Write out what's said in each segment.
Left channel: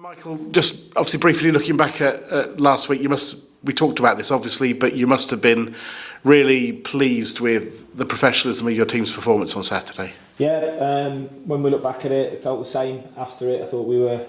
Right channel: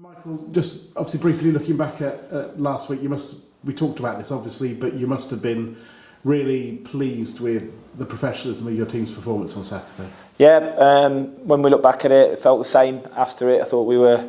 Michael, just obviously briefly looking back at last week, we talked about this obviously, but you must have been really pleased with the professionalism of your team's performance on Saturday. Yeah, when we look back at it, it felt the same after it. I thought we were,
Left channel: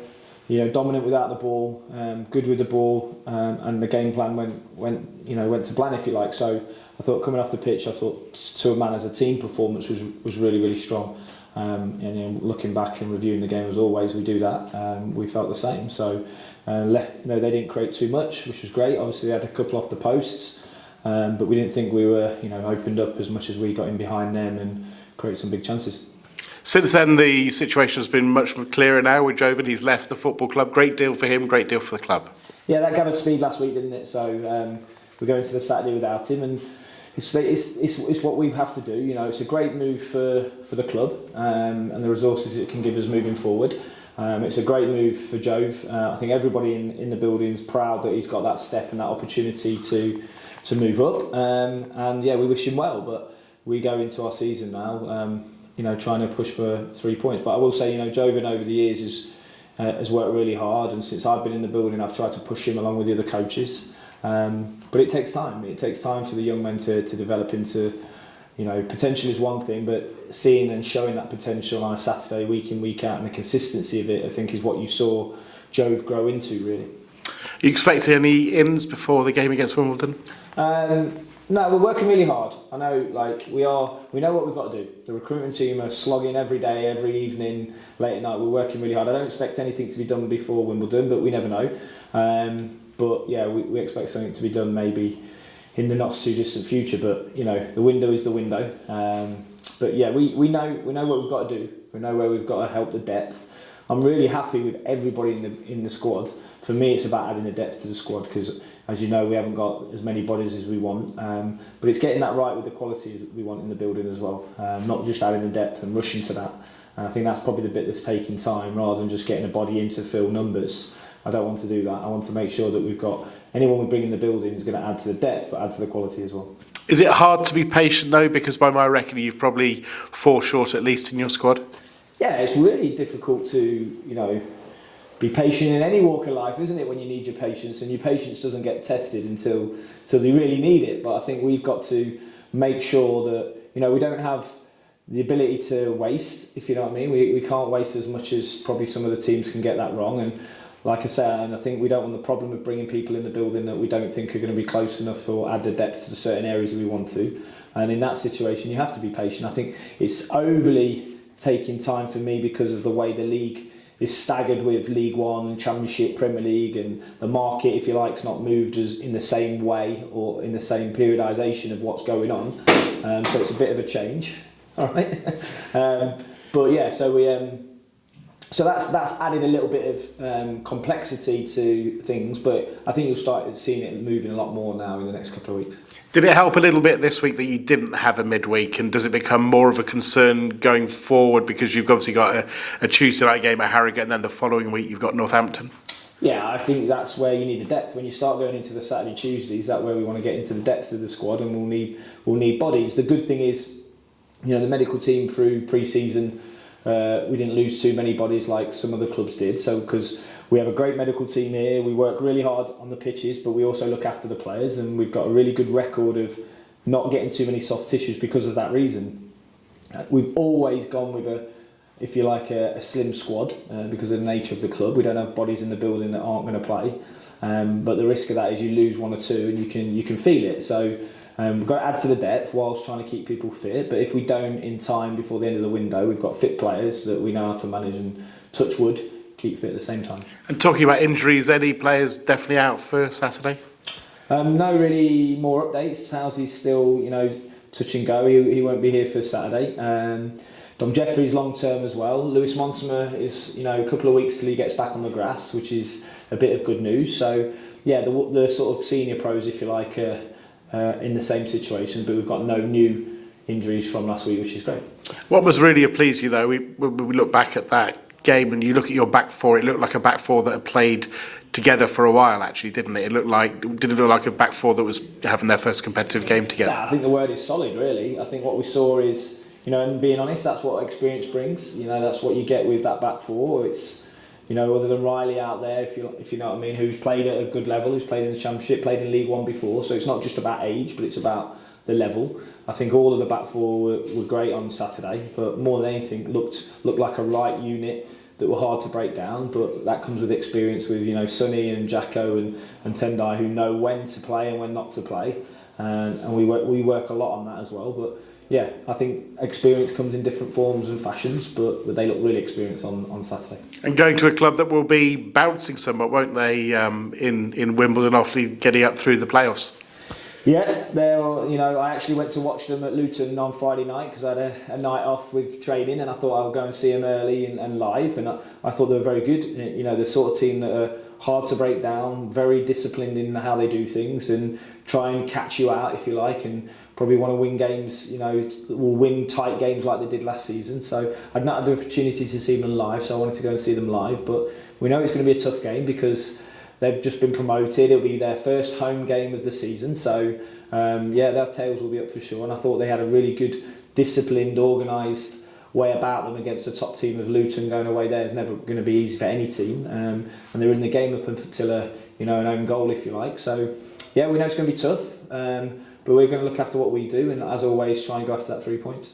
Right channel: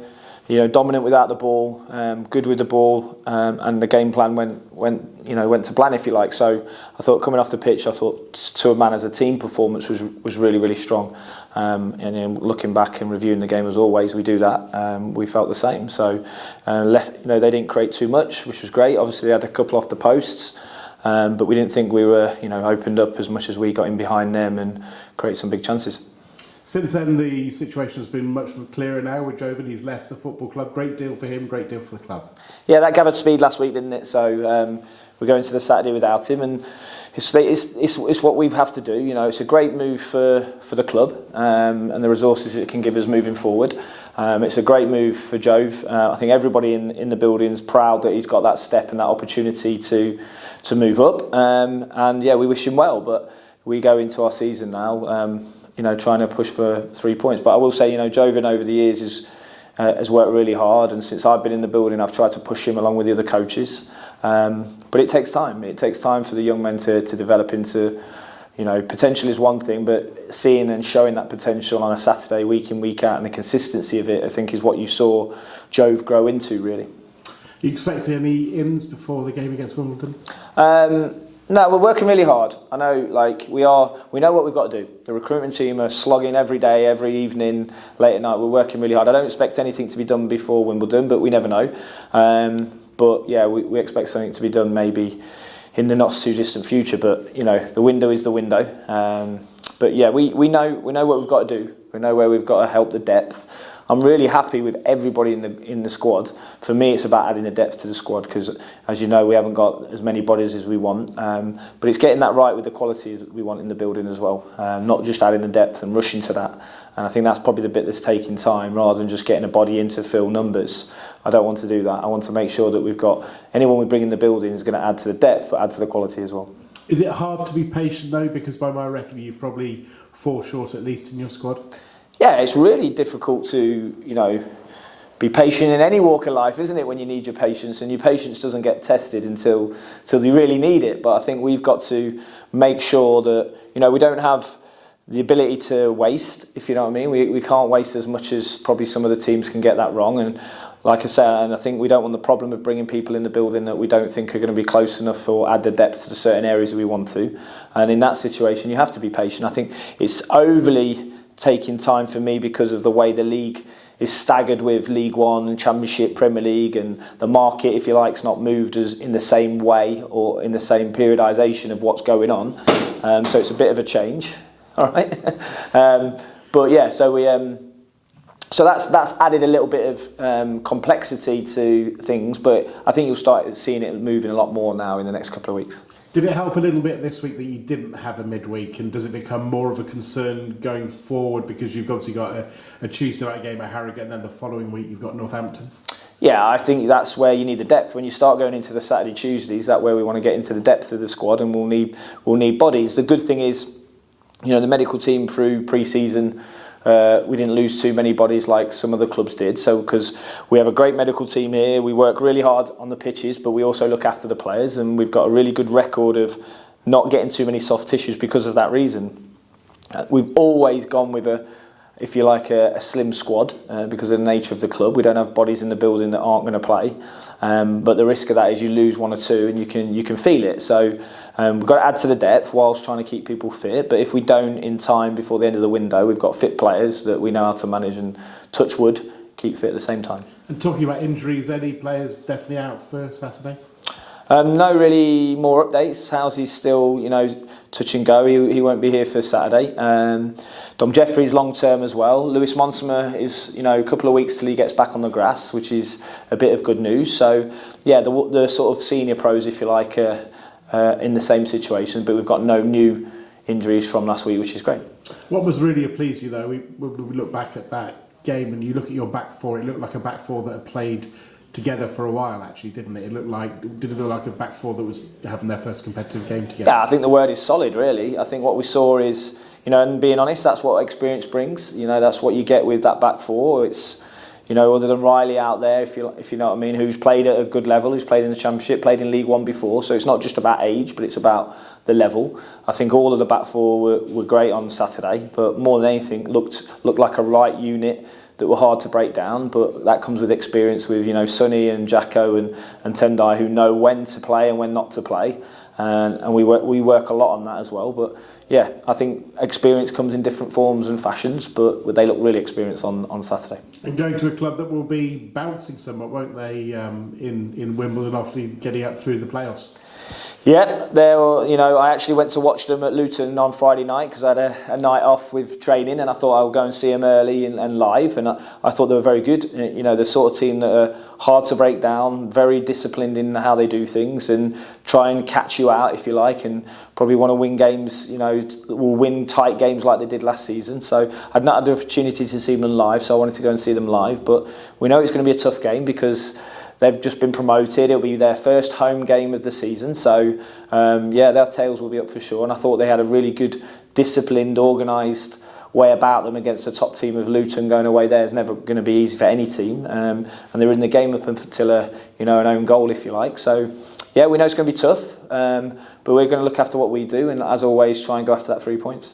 dominant without the ball, good with the ball, and the game plan went to plan, if you like. So I thought coming off the pitch, I thought to a man as a team performance was really, really strong. And looking back and reviewing the game as always, we do that. We felt the same. So they didn't create too much, which was great. Obviously, they had a couple off the posts, but we didn't think we were opened up as much as we got in behind them and create some big chances. Since then, the situation has been much clearer now with Joan. He's left the football club. Great deal for him, great deal for the club. Yeah, that gathered speed last week, didn't it? So we're going to the Saturday without him, and it's what we have to do. It's a great move for the club and the resources it can give us moving forward. It's a great move for Jove. I think everybody in the building is proud that he's got that step and that opportunity to move up. And yeah, we wish him well. But we go into our season now, trying to push for 3 points. But I will say, Jovan over the years has worked really hard, and since I've been in the building, I've tried to push him along with the other coaches. But it takes time. It takes time for the young men to develop into, potential is one thing, but seeing and showing that potential on a Saturday, week in, week out, and the consistency of it, I think, is what you saw Jove grow into, really. You expect any ins before the game against Wimbledon? No, we're working really hard. I know, we know what we've got to do. The recruitment team are slogging every day, every evening, late at night. We're working really hard. I don't expect anything to be done before Wimbledon, but we never know. But yeah, we expect something to be done maybe in the not too distant future. But the window is the window. But yeah, we know what we've got to do. We know where we've got to help the depth. I'm really happy with everybody in the squad. For me, it's about adding the depth to the squad because, as you know, we haven't got as many bodies as we want. But it's getting that right with the quality that we want in the building as well. Not just adding the depth and rushing to that. And I think that's probably the bit that's taking time rather than just getting a body in to fill numbers. I don't want to do that. I want to make sure that we've got anyone we bring in the building is going to add to the depth but add to the quality as well. Is it hard to be patient though? Because by my reckoning, you've probably 4 short at least in your squad. Yeah, it's really difficult to, be patient in any walk of life, isn't it, when you need your patience, and your patience doesn't get tested until you really need it. But I think we've got to make sure that, we don't have the ability to waste, if you know what I mean. We can't waste as much as probably some of the teams can get that wrong. And like I said, and I think we don't want the problem of bringing people in the building that we don't think are going to be close enough or add the depth to the certain areas that we want to. And in that situation, you have to be patient. I think it's overly taking time for me because of the way the league is staggered with League One and Championship, Premier League, and the market, if you like, is not moved as in the same way or in the same periodisation of what's going on. So it's a bit of a change, all right. But yeah, so we so that's added a little bit of complexity to things, but I think you'll start seeing it moving a lot more now in the next couple of weeks. Did it help a little bit this week that you didn't have a midweek, and does it become more of a concern going forward because you've obviously got a Tuesday night game at Harrogate and then the following week you've got Northampton? Yeah, I think that's where you need the depth. When you start going into the Saturday, Tuesdays, that's where we want to get into the depth of the squad, and we'll need bodies. The good thing is, the medical team through pre-season, we didn't lose too many bodies like some of the clubs did. So because we have a great medical team here, we work really hard on the pitches, but we also look after the players, and we've got a really good record of not getting too many soft tissues because of that reason. We've always gone with a slim squad because of the nature of the club. We don't have bodies in the building that aren't going to play, but the risk of that is you lose 1 or 2 and you can feel it. So we've got to add to the depth whilst trying to keep people fit. But if we don't in time before the end of the window, we've got fit players that we know how to manage and, touch wood, keep fit at the same time. And talking about injuries, any players definitely out for Saturday? No really more updates. Housy's still, touch and go. He won't be here for Saturday. Dom Jeffrey's long term as well. Lewis Monsma is, a couple of weeks till he gets back on the grass, which is a bit of good news. So, yeah, the sort of senior pros, if you like, in the same situation, but we've got no new injuries from last week, which is great. What was really pleased you though, when we look back at that game and you look at your back four, it looked like a back four that had played together for a while, actually, didn't it? Did it look like a back four that was having their first competitive game together? Yeah, I think the word is solid, really. I think what we saw is, and being honest, that's what experience brings. That's what you get with that back four. It's other than Riley out there, if you know what I mean, who's played at a good level, who's played in the Championship, played in League One before. So it's not just about age, but it's about the level. I think all of the back four were great on Saturday, but more than anything, looked like a right unit that were hard to break down. But that comes with experience, with Sonny and Jacko and Tendai, who know when to play and when not to play, and we work a lot on that as well. But yeah, I think experience comes in different forms and fashions, but they look really experienced on Saturday. And going to a club that will be bouncing somewhat, won't they, in Wimbledon after getting up through the playoffs? Yeah, I actually went to watch them at Luton on Friday night because I had a night off with training, and I thought I would go and see them early and live, and I thought they were very good. The sort of team that are hard to break down, very disciplined in how they do things, and try and catch you out if you like, and probably want to win games. Will win tight games like they did last season. So I'd not had the opportunity to see them live, so I wanted to go and see them live. But we know it's going to be a tough game because they've just been promoted. It'll be their first home game of the season. So, their tails will be up for sure. And I thought they had a really good, disciplined, organised way about them against the top team of Luton. Going away there is never going to be easy for any team. And they were in the game up until an own goal, if you like. So, yeah, we know it's going to be tough. But we're going to look after what we do. And as always, try and go after that 3 points.